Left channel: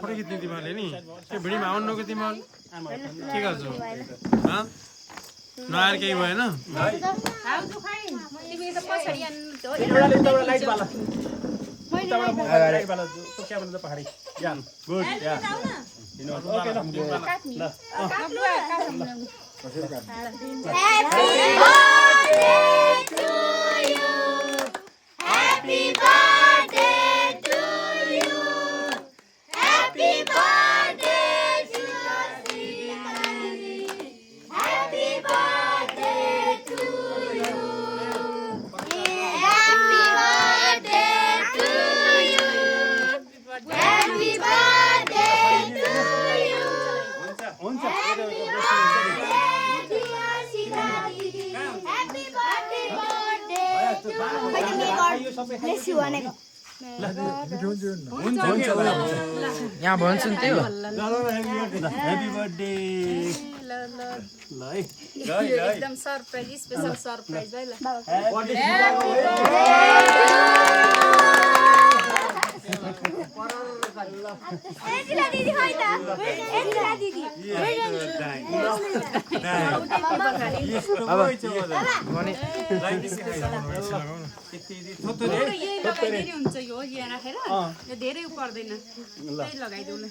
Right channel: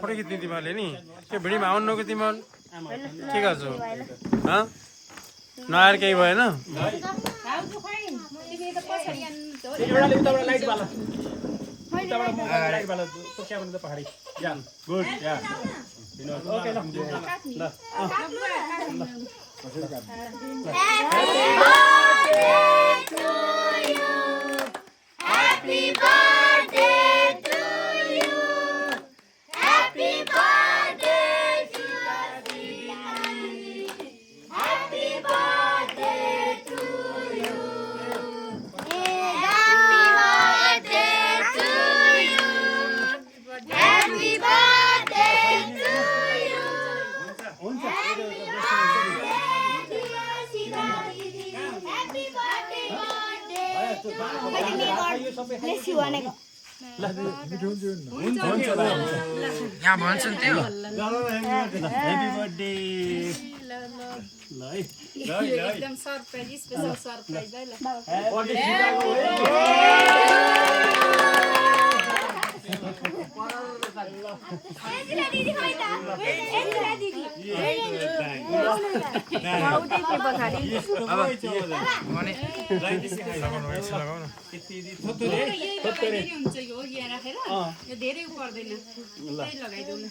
photo खिच्ने तिमीहरूले नि त्यो भिडियोमा आउनुको तिमीहरू के गर्छौ नआएर केही भएन यहाँ भन्छ नि त्यो ह्यापी बर्थडे ल है एकदम सरप्राइज स्पेशल सरप्राइज है ल एजिला दिदी खै त एजिला दिदी यस्तो भइ छ भने लाइदिसै लगाउ न थोत्तरे हुन्छ यो यहाँ राखेर यो धेरै पर्दैन त्यही लगाइदेऊ न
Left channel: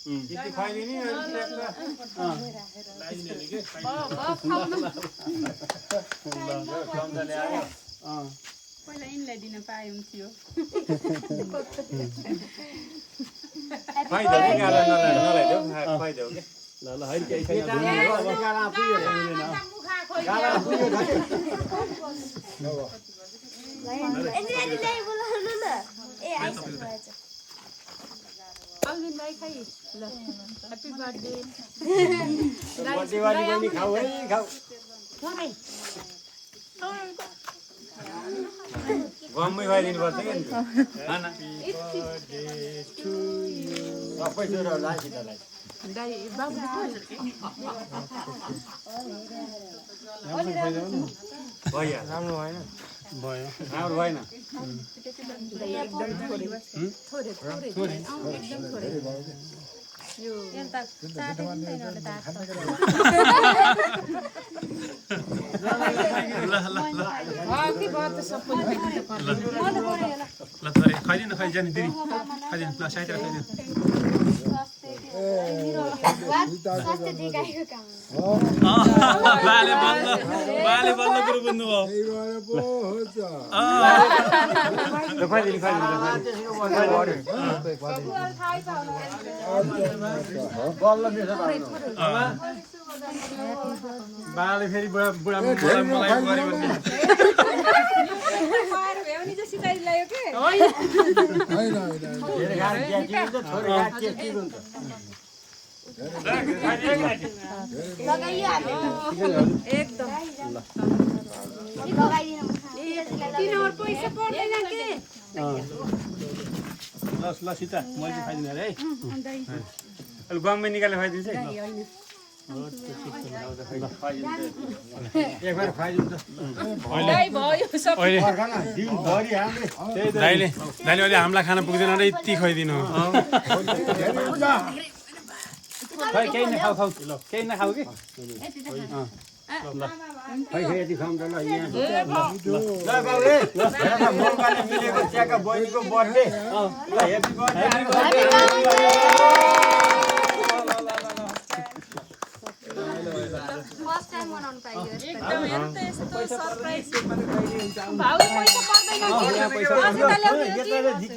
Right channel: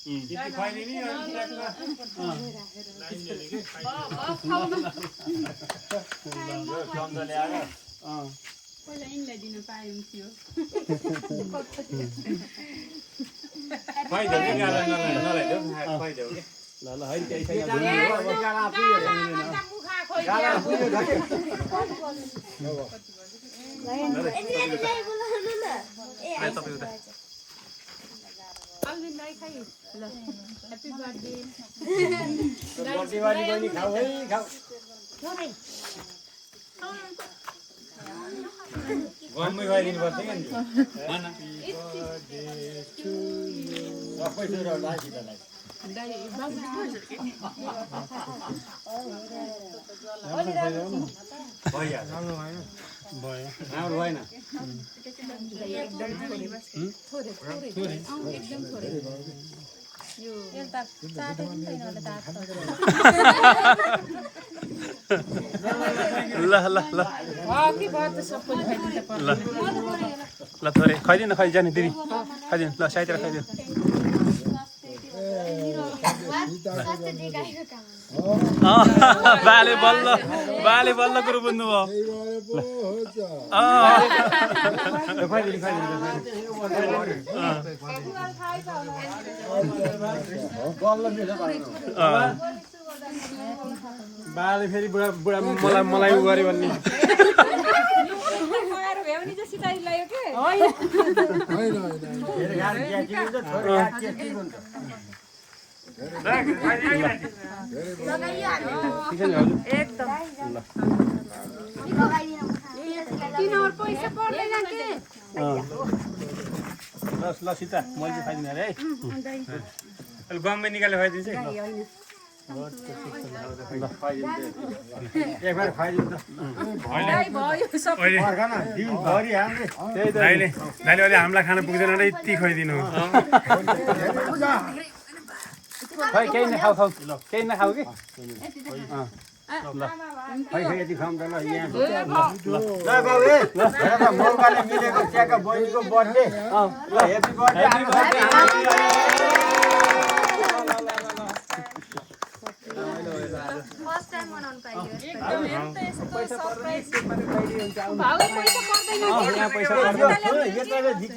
यति खुवाइदिने पहिला यिनलाई दिन पाए हुन्थ्यो अल्विनलाई खाइ ल ह्यापी बर्थडे गम्मै खुवाइदिनु पर्छ क्या सबै छोराहरूलाई सिधैलाई राम्रो भएन ल ल ल ल थोरै खाइदिनु जाने दिदी खाइदिनु ल साइतिर खाइदिनु बाले बल्ल कुरो बुझ्नुभयो बाले फेरि बुढा मलाई गरे भन्ने ल सीता मैले खाइदिने है बङमै निकालेर खुवाइदिन्छु दाइले अहिले हामीलाई खाना पुग्दैन र यति खुवाइदिनु केही नखाऊ ल केही नखाऊ कि मिलेको चियाको बहिनीको birthday happy birthday first time मनाउनु पाइयो एकदम यस्तो यस्तो सरप्राइज भाउ पैसा पर्दैन के